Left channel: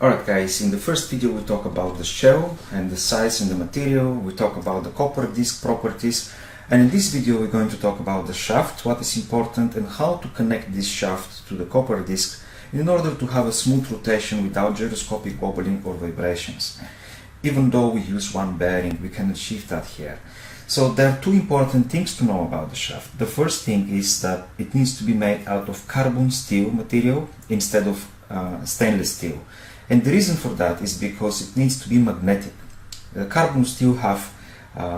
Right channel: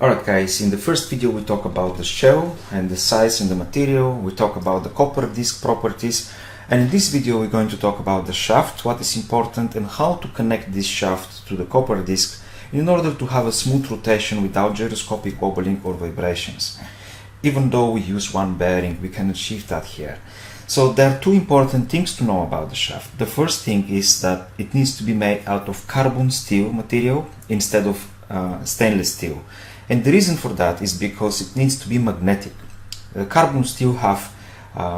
Alright guys, in the first video we talk about the shell and the size and the material, we talk about the copper disc properties, and in this video we're going to talk about the shaft, what is important and how to connect this shaft to the copper disc in order to have a smooth rotation without gyroscopic wobbling or vibrations. Even though we use one bearing, we can achieve that here. So there are two important things to know about the shaft. The first thing is that it needs to be made out of carbon steel material instead of stainless steel. And the reason for that is because it needs to be magnetic. Carbon steel have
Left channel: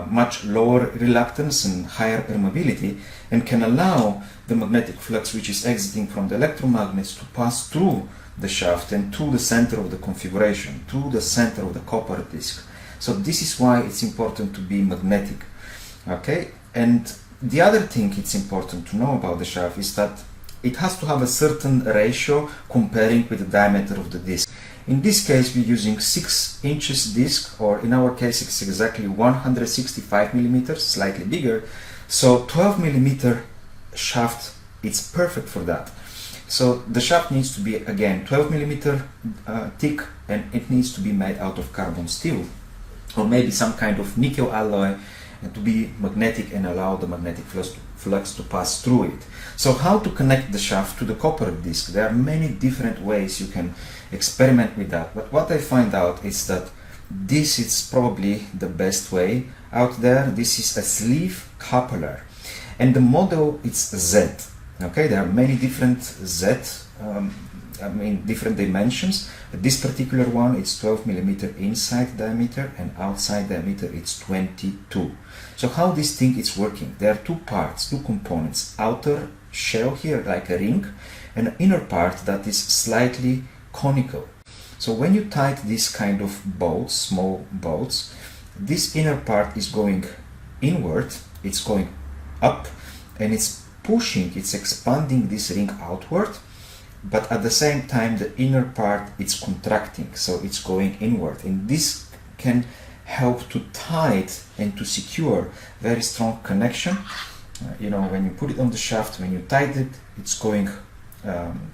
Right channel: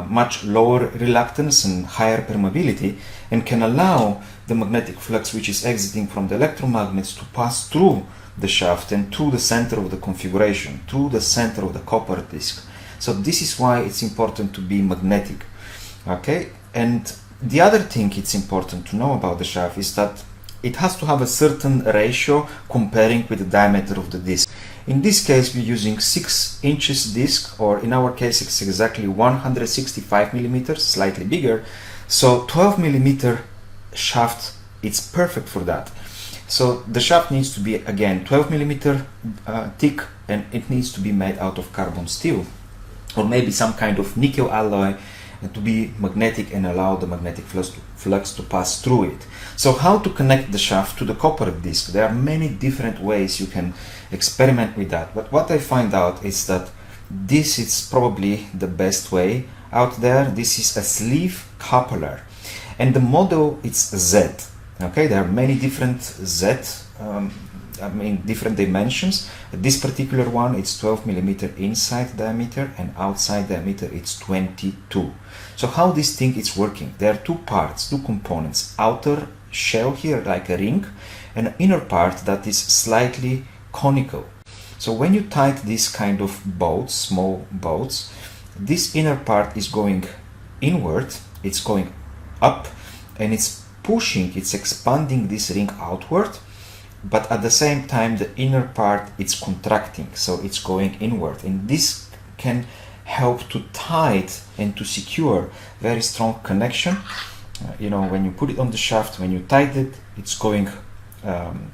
much lower reluctance and higher permeability and can allow the magnetic flux which is exiting from the electromagnets to pass through the shaft and to the center of the configuration, to the center of the copper disc. So this is why it's important to be magnetic. Okay, and the other thing it's important to know about the shaft is that it has to have a certain ratio comparing with the diameter of the disc. In this case we're using 6 inches disc, or in our case it's exactly 165 millimeters, slightly bigger. So 12 millimeter shaft, it's perfect for that. So the shaft needs to be again 12 millimeter thick, and it needs to be made out of carbon steel or maybe some kind of nickel alloy to be magnetic and allow the magnetic flux to pass through it. So how to connect the shaft to the copper disc? There are many different ways you can experiment with that, but what I find out is that this is probably the best way out there. This is a sleeve coupler and the model is Z. Okay, there are many different different dimensions. This particular one, it's 12 millimeter inside diameter and outside diameter it's 22. So how this thing is working? There are two parts, two components: outer shell here like a ring, and an inner part that is slightly conical. So when you tighten this kind of bolts, small bolts, this inner part is going inward, it's going up, and it's pushing, it's expanding this ring outward, but at the same time the inner part is contracting, so it's going inward, and this can help to tight and to secure very strong connection. You know, when you put it on the shaft, when you tighten it, it's going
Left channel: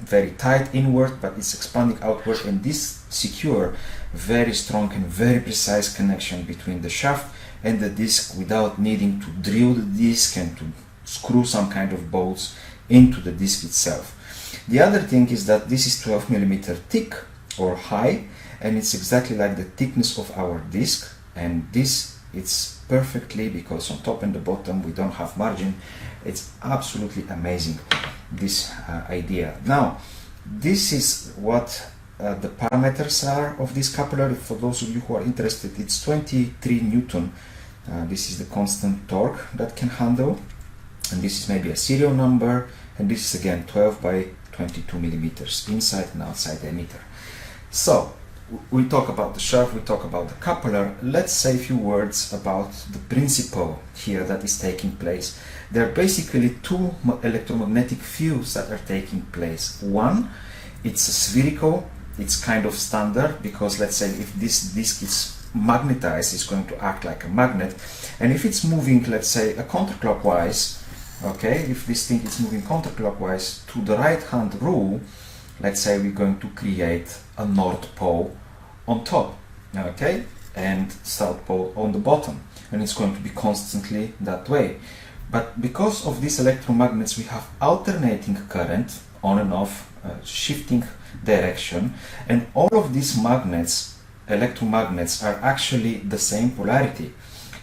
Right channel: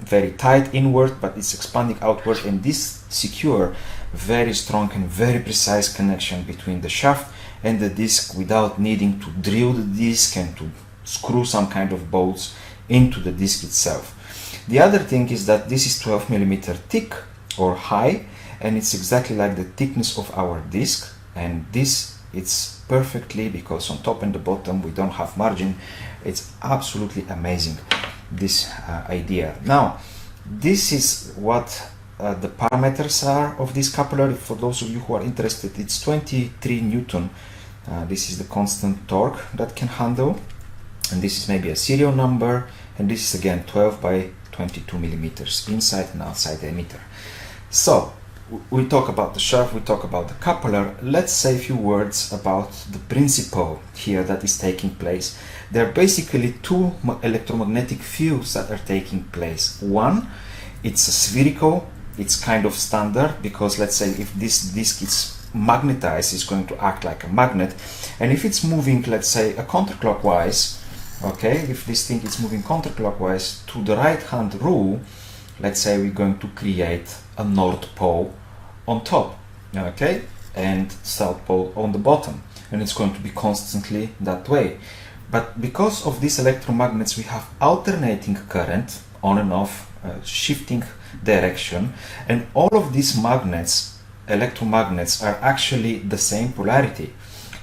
very tight inward, but it's expanding outward, and this secure very strong and very precise connection between the shaft and the disc without needing to drill the disc and to screw some kind of bolts into the disc itself. The other thing is that this is 12 millimeter thick or high, and it's exactly like the thickness of our disc, and this it's perfectly, because on top and the bottom we don't have margin. It's absolutely amazing, this idea. Now this is what the parameters are of this coupler. For those of you who are interested, it's 23 Newton. This is the constant torque that can handle, and this is maybe a serial number, and this is again 12 by 22 millimeters inside and outside diameter. So we talk about the shaft, we talk about the coupler. Let's say a few words about the principle here that is taking place. There are basically two electromagnetic fields that are taking place. One, it's a spherical, it's kind of standard, because let's say if this disc is magnetized, it's going to act like a magnet, and if it's moving, let's say, a counterclockwise, okay, if this thing is moving counterclockwise to the right hand rule, let's say we're going to create a north pole on top, okay, and south pole on the bottom, and it's going to be constantly that way. But because of these electromagnets, we have alternating current on and off, shifting direction, and all of these magnets, electromagnets, are actually the same polarity.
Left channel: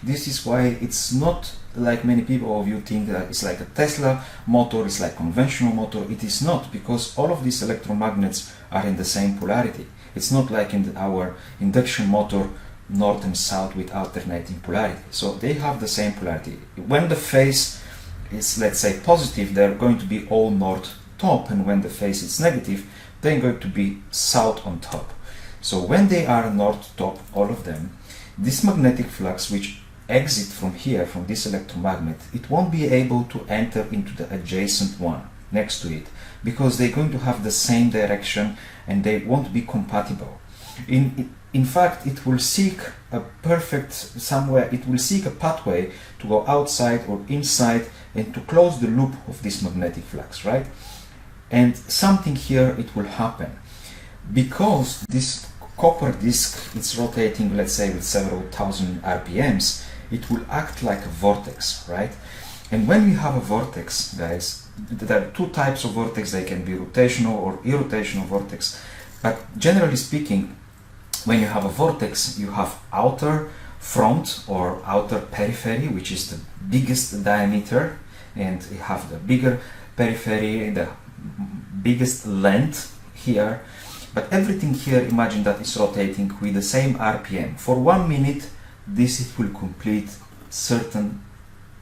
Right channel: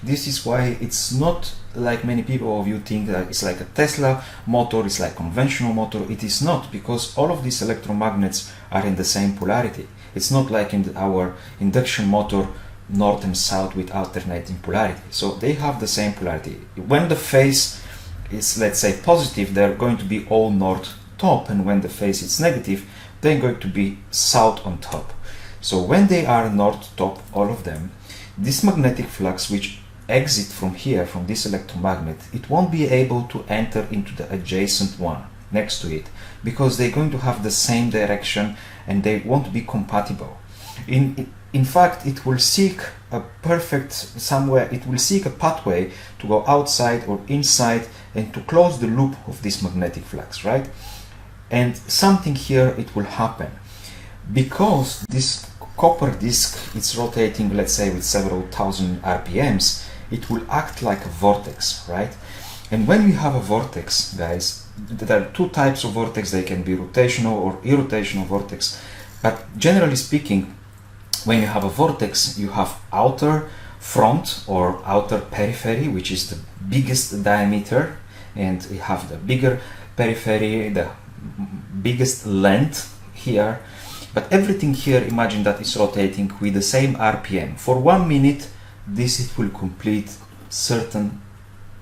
This is why it's not like many people of you think that it's like a Tesla motor, it's like conventional motor. It is not, because all of these electromagnets are in the same polarity. It's not like in our induction motor, north and south with alternating polarity. So they have the same polarity. When the phase is, let's say, positive, they're going to be all north top, and when the phase is negative, they're going to be south on top. So when they are north top, all of them, this magnetic flux which exit from here, from this electromagnet, it won't be able to enter into the adjacent one next to it, because they're going to have the same direction and they won't be compatible. In fact, it will seek a perfect somewhere, it will seek a pathway to go outside or inside and to close the loop of this magnetic flux, right? And something here, it will happen. Because this copper disc is rotating, let's say, with several thousand RPMs, it will act like a vortex, right? And when we have a vortex, guys, there are two types of vortex. They can be rotational or irrotational vortex. But generally speaking, when you have a vortex, you have outer front or outer periphery, which is the biggest diameter, and you have the bigger periphery, the biggest length here. But everything here, imagine that is rotating with the same RPM. For 1 minute, it will complete certain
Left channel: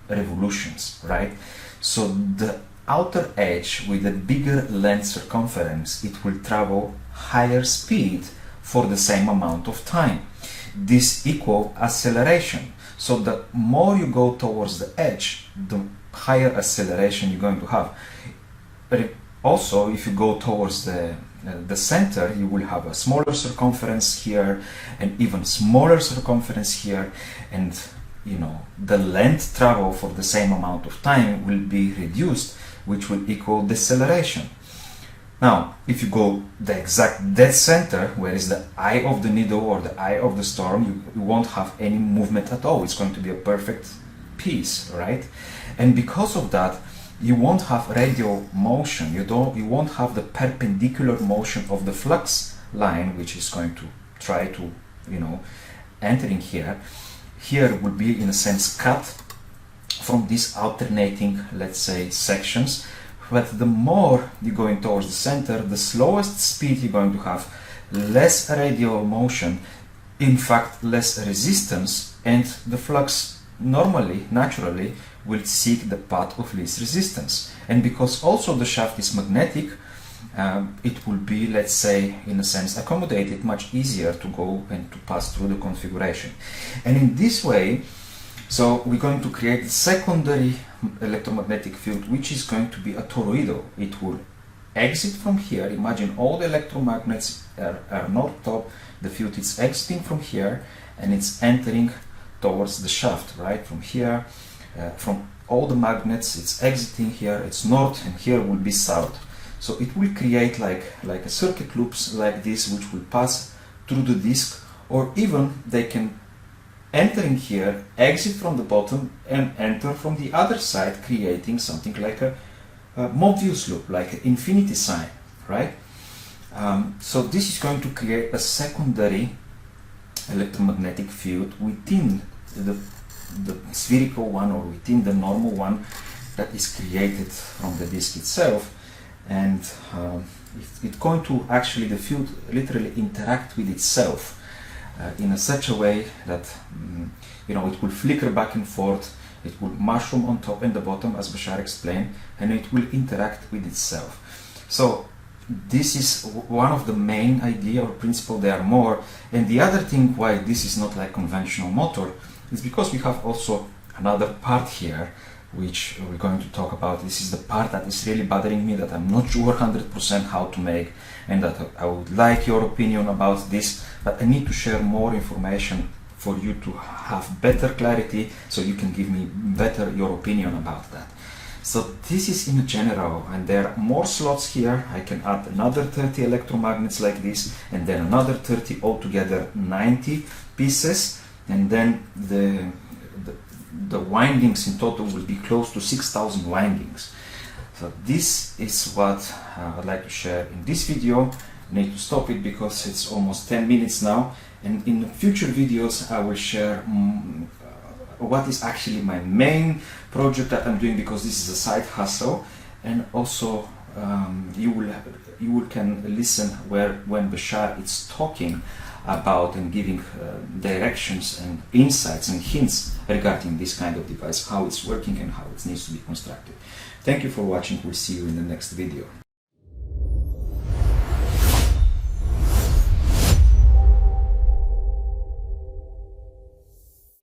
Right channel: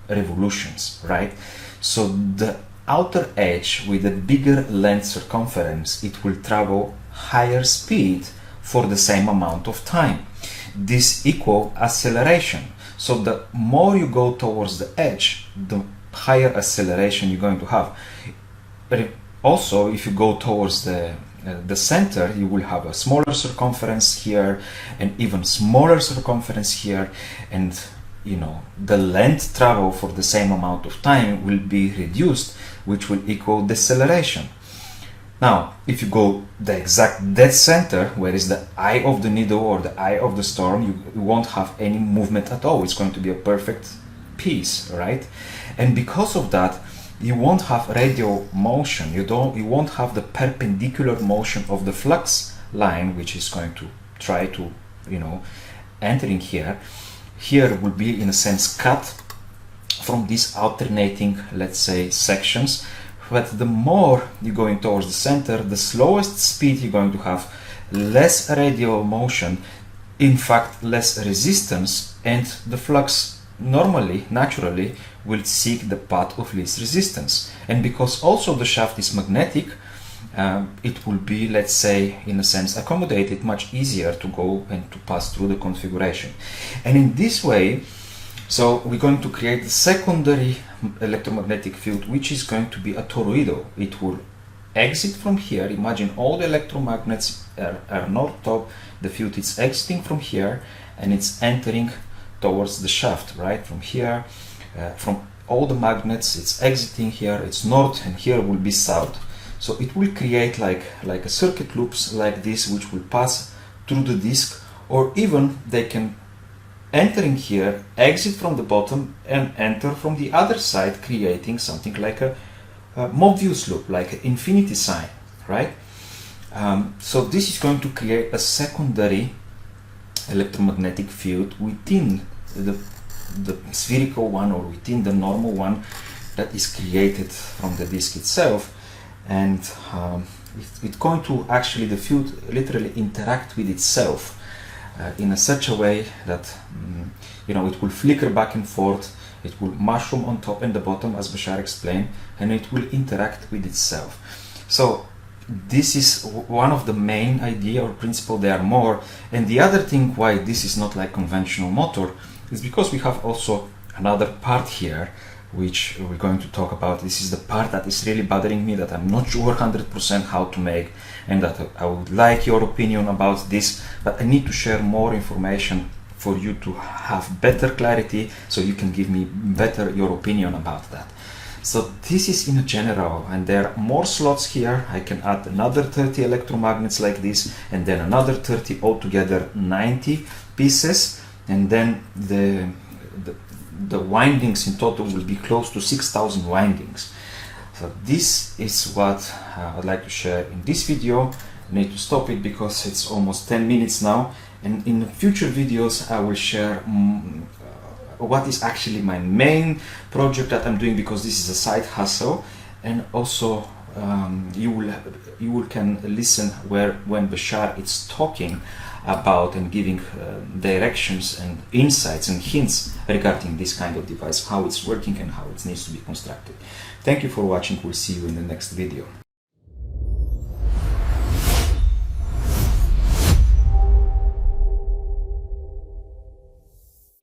revolutions, right? So the outer edge with a bigger length circumference, it will travel higher speed for the same amount of time. This equals acceleration. So the more you go towards the edge, the higher acceleration you're going to have. But also, if you go towards the center, you will have a smaller circumference here and even smaller circumference here, and you know, the length travel for the same amount of time will be reduced, which will equal deceleration. Now, if you go the exact dead center, where is the eye of the needle or the eye of the storm, you won't have any movement at all. It's going to be a perfect piece, right? And because of that, you won't have radial motion. You won't have the perpendicular motion of the flux line, which is going to try to, you know, entering here. Here will be in a sense cut from these alternating, let's say, sections. But the more you're going towards the center, the slowest speed you're going to have, less radial motion, in fact less resistance, and the flux normally, naturally, will seek the path of least resistance. And because also the shaft is magnetic, it will be, let's say, in a sense, accommodated much easier to go and to pass through the configuration. And in this way, so we're going to create a secondary electromagnetic field, which is going to be a toroidal. It will exit from here. Imagine all the electromagnets are north top. The field is exiting from here and it's entering towards the shaft, right? From here, from all the magnets, it's exiting here, it's north, and here will be south. So it will create like a circuit loops like this, which will pass through the disk, or even they can entering here, exit from the bottom and enter from the other side, creating something like a Mobius loop, like an infinity sign, right? So this is going to create a secondary electromagnetic field within the spherical one or within the normal one that is created from the disk itself. And it's going to actually, the field literally interact with itself in such a way that you know, it will flicker back and forth, it will mushroom on top and the bottom, as Bashar explained, and it will interact with itself. So this is one of the main idea or principle. There are more, and the other thing why this is not like conventional motor is because we have also another part here which we're going to talk about. This is the part that is really bothering me, that I'm not sure 100% how to make, and that I would like your opinion about this, but I need to share more information for you to have better clarity, so you can give me better your opinion about that. So this is in general, and there are more slots here. I can add another 30 electromagnets like this, and then another 30, altogether 90 pieces, and then the windings in total will be close to 6,000 windings. So this is what I'd like to share in this video. I need to stop it because it's almost 10 minutes now, and in future videos I will share what is actually my main project that I'm doing, because this is a side hustle, and also you can listen when Bashar is talking about and giving directions and insights and hints regarding this kind of device, how it's working and how it needs to be constructed. Thank you for watching. We'll see you in the next video.